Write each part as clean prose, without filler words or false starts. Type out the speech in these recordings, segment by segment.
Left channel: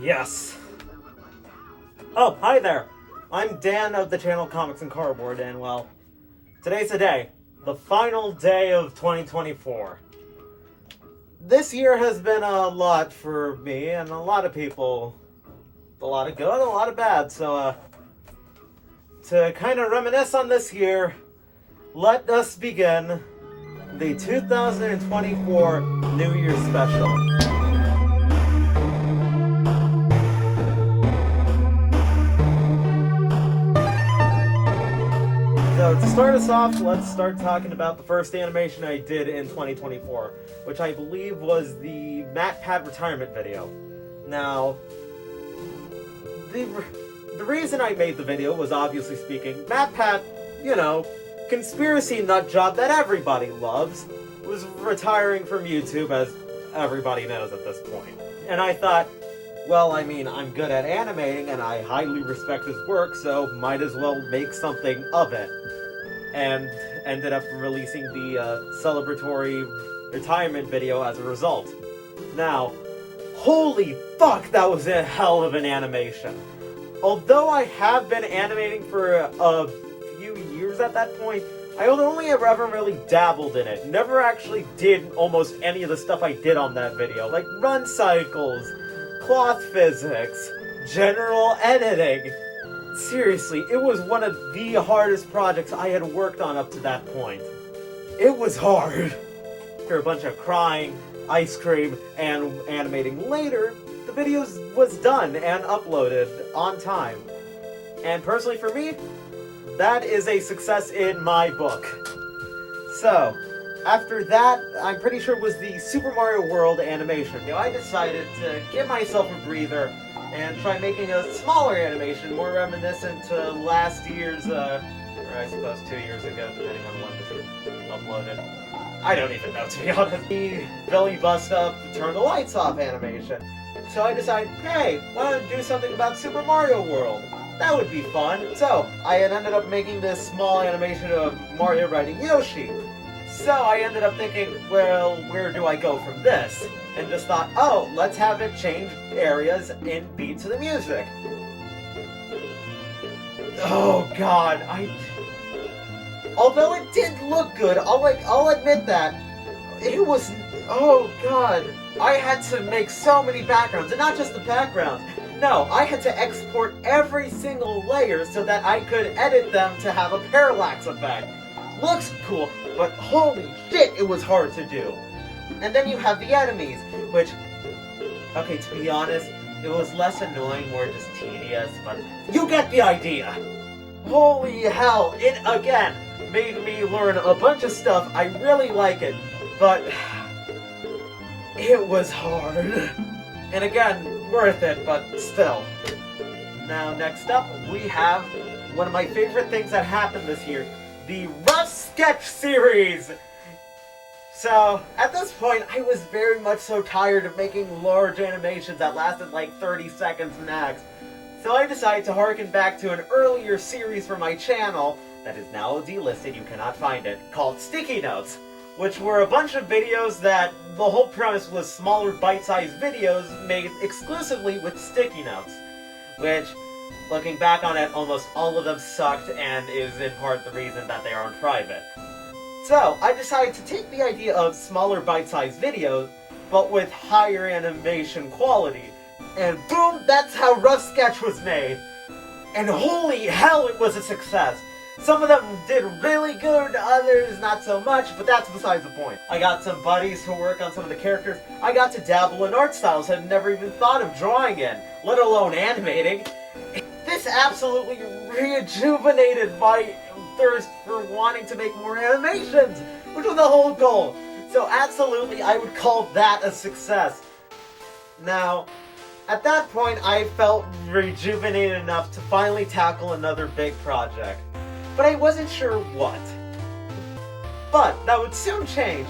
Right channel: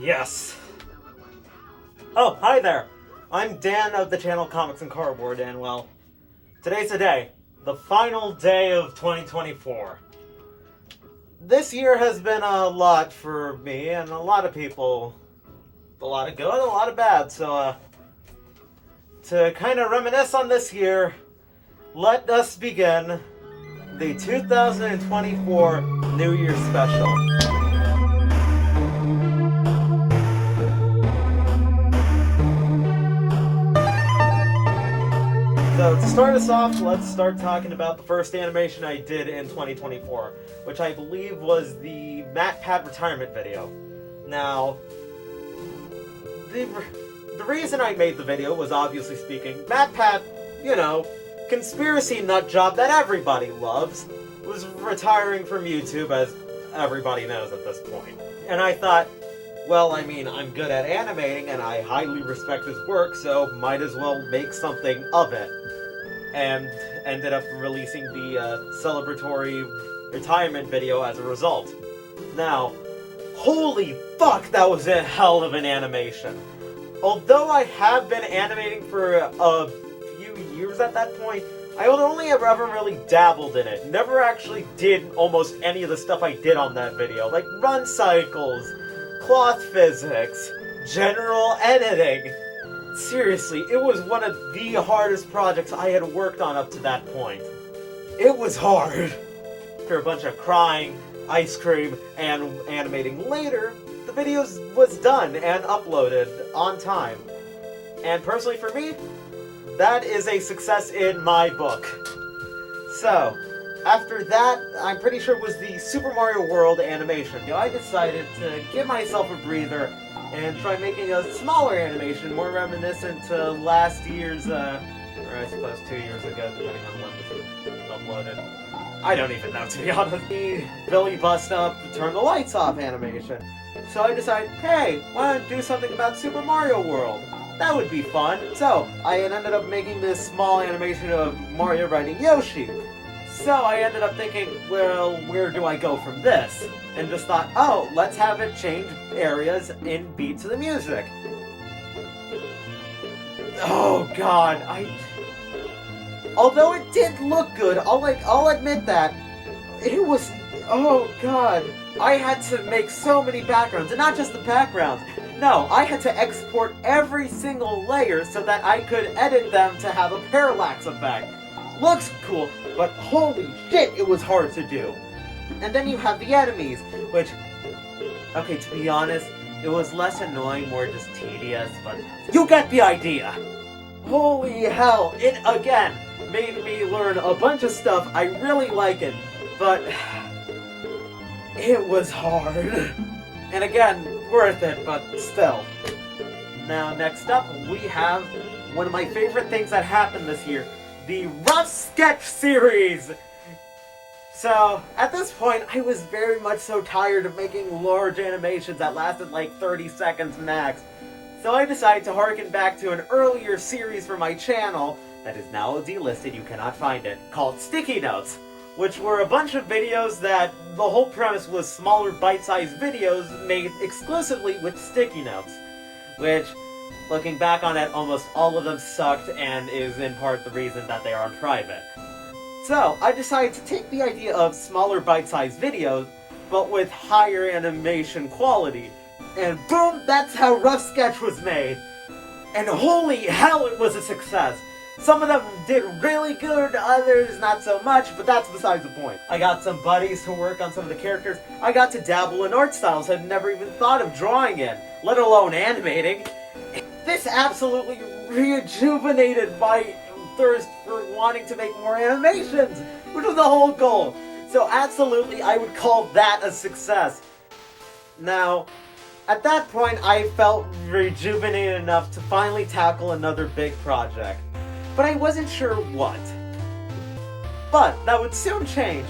Yes. Oh, hi there. I'm Dan of the channel Comics and Cardboard, and well, today's the day. The final day of 2024. This year has been a lot for me and a lot of people. A lot of good, a lot of bad, so, to kind of reminisce on this year, let us begin the 2024 New Year's special. So to start us off, let's start talking about the first animation I did in 2024, which I believe was the MatPat retirement video. Now, the reason I made the video was, obviously speaking, MatPat, conspiracy nut job that everybody loves, was retiring from YouTube, as everybody knows at this point. And I thought, well, I mean, I'm good at animating and I highly respect his work, so might as well make something of it. And ended up releasing the celebratory retirement video as a result. Now, holy fuck, that was a hell of an animation. Although I have been animating for a few years at that point, I only ever really dabbled in it. Never actually did almost any of the stuff I did on that video, like run cycles, cloth physics, general editing. Seriously, it was one of the hardest projects I had worked on up to that point. It was hard. After a bunch of crying, ice cream, and animating later, the video was done and uploaded on time. And personally for me, that is a success in my book. So, after that, I'm pretty sure it was the Super Mario World animation. I decided to give myself a breather and try making a smaller animation, more reminiscent to last year's, or I suppose 2 years ago, depending on when it was uploaded. I don't even know, to be honest. The Billy Bust Up, Turn the Lights Off animation. So I decided, hey, why not do something about Super Mario World? That would be fun. So, I had ended up making this small animation of Mario riding Yoshi. So I ended up thinking, well, where do I go from this? And just thought, oh, let's have it change areas in beat to the music. Oh god, although it did look good, I'll admit that, it was, oh god, I had to make so many backgrounds, and not just the backgrounds. No, I had to export every single layer so that I could edit them to have a parallax effect. Looks cool, but holy shit, it was hard to do. And then you have the enemies, which, okay, to be honest, it was less annoying, more just tedious, but you get the idea. Holy hell, it again made me learn a bunch of stuff. I really like it, but it was hard. And again, worth it, but still. Now, next up, we have one of my favorite things that happened this year. The Rough Sketch series! So, at this point, I was very much so tired of making large animations that lasted like 30 seconds max. So I decided to harken back to an earlier series for my channel, that is now delisted, you cannot find it, called Sticky Notes, which were a bunch of videos that the whole premise was smaller bite-sized videos made exclusively with sticky notes, which, looking back on it, almost all of them sucked and is in part the reason that they are on private. So, I decided to take the idea of smaller bite-sized videos, but with higher animation quality, and boom, that's how Rough Sketch was made! And holy hell, it was a success! Some of them did really good, others not so much, but that's besides the point. I got some buddies to work on some of the characters. I got to dabble in art styles I'd never even thought of drawing in, let alone animating. This absolutely rejuvenated my thirst for wanting to make more animations, which was the whole goal. So absolutely, I would call that a success. Now, at that point, I felt rejuvenated enough to finally tackle another big project. But I wasn't sure what. But that would soon change,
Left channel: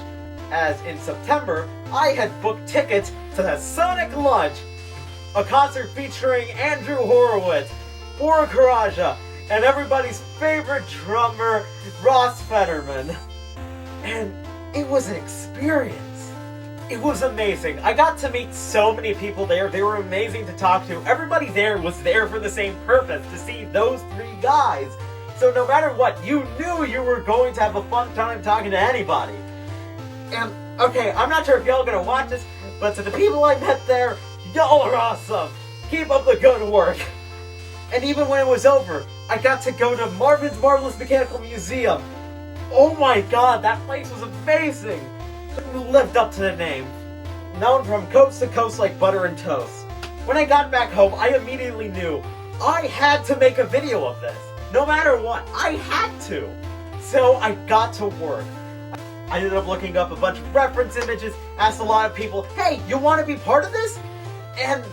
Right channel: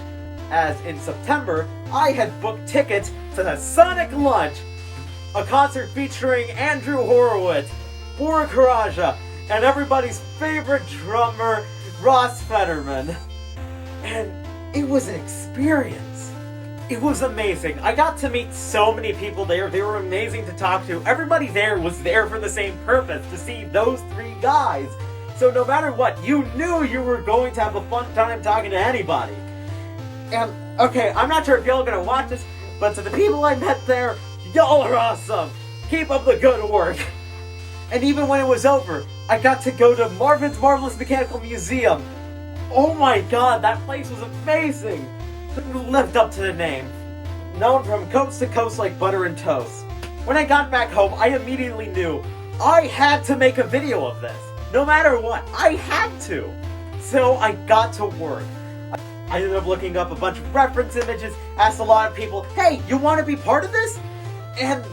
as in September, I had booked tickets to the Sonic Lunch, a concert featuring Andrew Horowitz, Bora Karaja, and everybody's favorite drummer, Ross Fetterman. And it was an experience. It was amazing. I got to meet so many people there. They were amazing to talk to. Everybody there was there for the same purpose, to see those 3 guys. So no matter what, you knew you were going to have a fun time talking to anybody. And, okay, I'm not sure if y'all are gonna watch this, but to the people I met there, y'all are awesome. Keep up the good work. And even when it was over, I got to go to Marvin's Marvelous Mechanical Museum. Oh my god, that place was amazing. It lived up to the name. Known from coast to coast like butter and toast. When I got back home, I immediately knew I had to make a video of this. No matter what, I had to. So I got to work. I ended up looking up a bunch of reference images, asked a lot of people, hey, you want to be part of this? And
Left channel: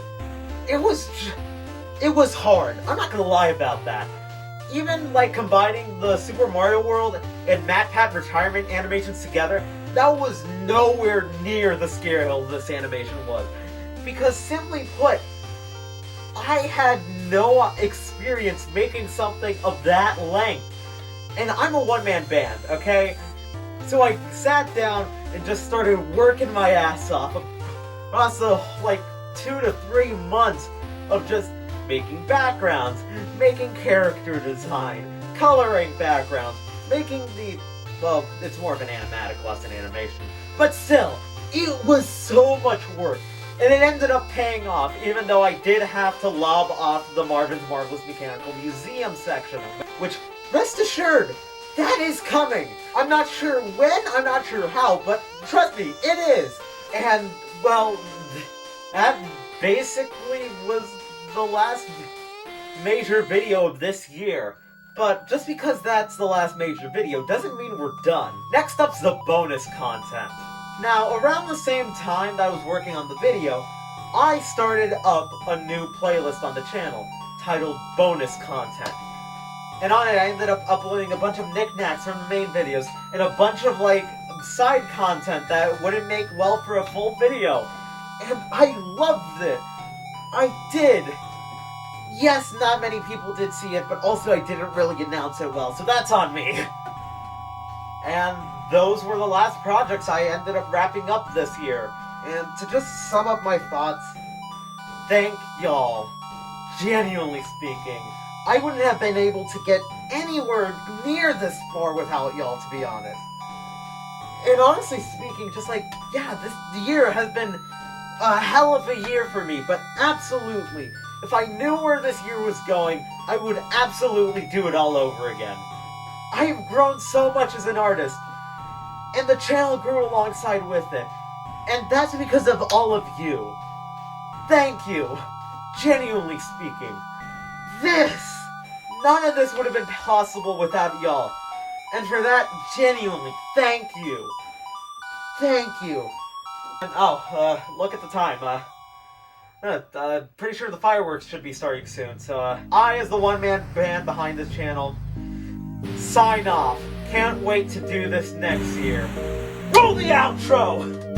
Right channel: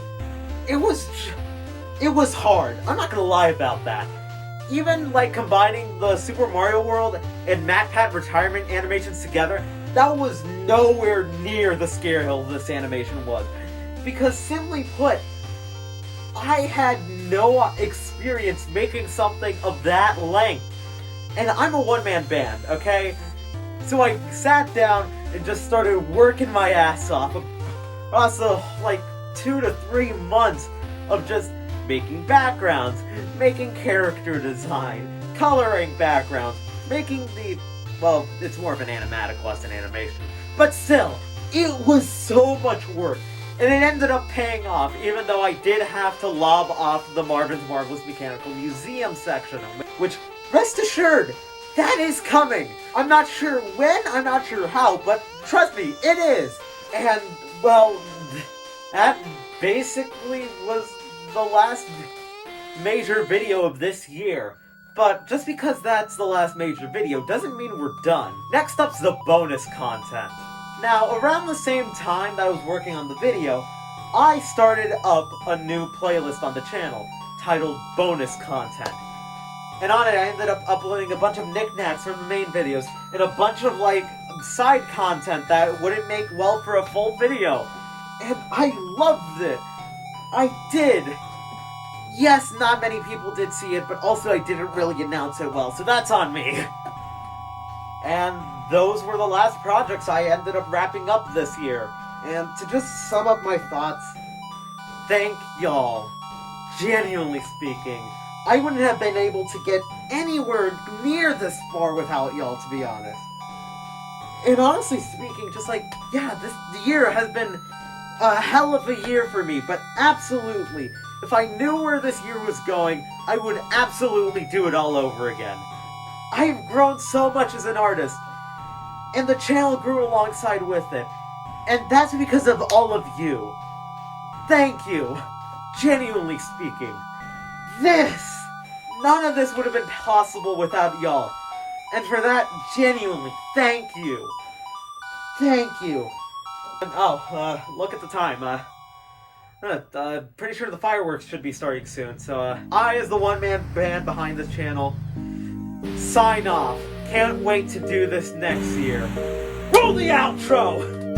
it was hard. I'm not gonna lie about that. Even like combining the Super Mario World and MatPat retirement animations together, that was nowhere near the scale this animation was. Because simply put, I had no experience making something of that length. And I'm a one-man band, okay? So I sat down and just started working my ass off. Also, like 2 to 3 months of just making backgrounds, making character design, coloring backgrounds, making the... well, it's more of an animatic less than animation. But still, it was so much work. And it ended up paying off, even though I did have to lob off the Marvin's Marvelous Mechanical Museum section, which, rest assured, that is coming! I'm not sure when, I'm not sure how, but trust me, it is! And, well, that basically was the last major video of this year. But just because that's the last major video doesn't mean we're done. Next up's the bonus content. Now, around the same time that I was working on the video, I started up a new playlist on the channel, titled Bonus Content. And on it I ended up uploading a bunch of knickknacks from the main videos, and a bunch of, like, side content that wouldn't make well for a full video. And I loved it! I did! Yes, not many people did see it, but also I didn't really announce it well, so that's on me. And those were the last projects I ended up wrapping up this year. And to just sum up my thoughts, thank y'all. Genuinely speaking, I wouldn't have been able to get anywhere near this far without y'all, to be honest. And honestly speaking, just like, yeah, this year has been a hell of a year for me, but absolutely, if I knew where this year was going, I would absolutely do it all over again. I have grown so much as an artist, and the channel grew alongside with it, and that's because of all of you. Thank you, genuinely speaking. None of this would have been possible without y'all, and for that, genuinely, thank you. Thank you. And, look at the time, pretty sure the fireworks should be starting soon, so, I, as the one-man band behind this channel, sign off. Can't wait to do this next year. Roll the outro!